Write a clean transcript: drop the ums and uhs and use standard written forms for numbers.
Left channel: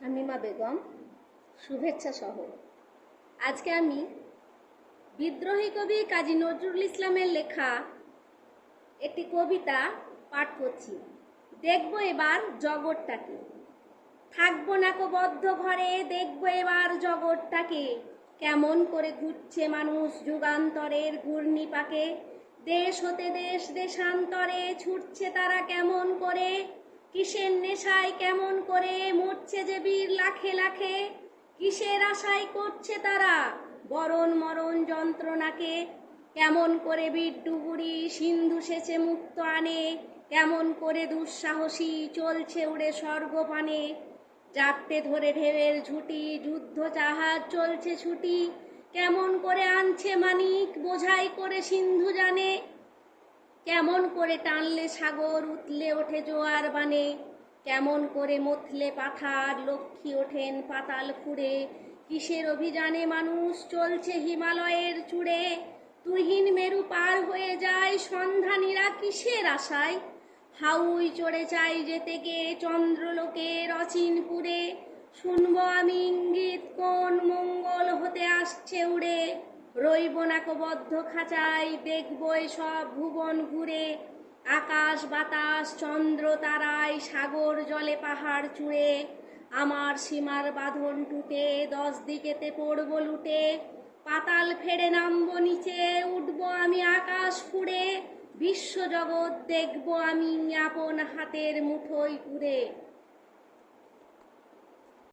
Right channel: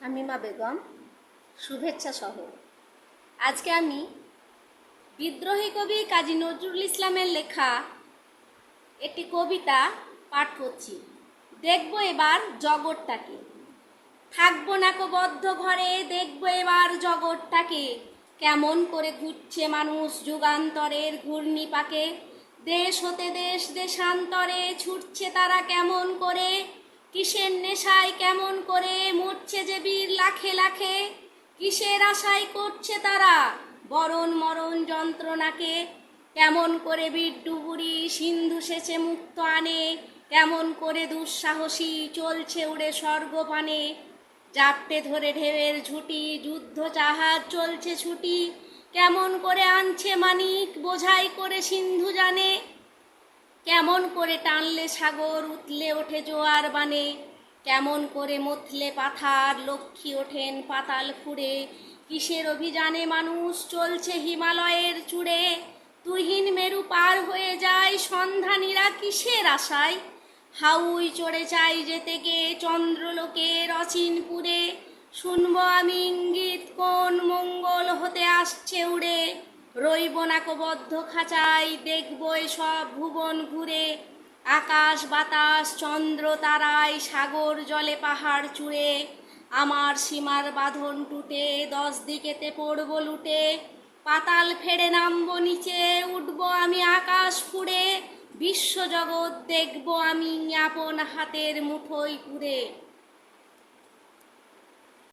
শামিমা বেগম, শুভেচ্ছা শহর। আজকে আমি বিদ্রোহী কবি কাজী নজরুল ইসলামের লেখা একটি কবিতা পাঠ করছি। দেখব এবার জগৎটাকে, থাকবো না কো বদ্ধ ঘরে, দেখব এবার জগৎটাকে, কেমন করে ঘুরছে মানুষ যুগান্তরের ঘূর্ণিপাকে। দেশ হতে দেশ দেশান্তরে ছুটছে তারা কেমন করে, কিসের নেশায় কেমন করে মরছে যে বীর লাখে লাখে। কিসের আশায় করছে তারা বরণ মরণ যন্ত্রণাকে, কেমন করে বীর ডুবুরি সিন্ধু সেচে মুক্ত আনে, কেমন করে দুঃসাহসী চলছে উড়ে স্বর্গপানে। জাপটে ধরে ঢেউয়ের ঝুঁটি যুদ্ধ জাহাজ চলছে ছুটি, কেমন করে আনছে মানিক বোঝাই করে সিন্ধু জানে। কেমন করে টানলে সাগর উতলে ওঠে জোয়ার বানে, কেমন করে মথলে পাথার লক্ষ্মী ওঠেন পাতাল ফুঁড়ে। কিসের অভিযানে মানুষ চলছে হিমালয়ের চূড়ে, তুহিন মেরু পার হয়ে যায় সন্ধানীরা কিসের আশায়। হাউই চড়ে চাই যেতে গে চন্দ্রলোকের অচিনপুরে, শুনবো আমি ইঙ্গিত কোন মঙ্গল হতে আসছে উড়ে। রইব না কো বদ্ধ খাঁচায়, দেখবো সব ভুবন ঘুরে, আকাশ বাতাস চন্দ্র তারায় সাগর জলে পাহাড় চূড়ে। আমার সীমার বাঁধন টুটে 10 দিকেতে পড়ব লুটে, পাতাল ফেড়ে নামবো নিচে উঠবো আমি আকাশ ফুঁড়ে। বিশ্বজগৎ দেখবো আমি আপন হাতের মুঠোয় পুরে।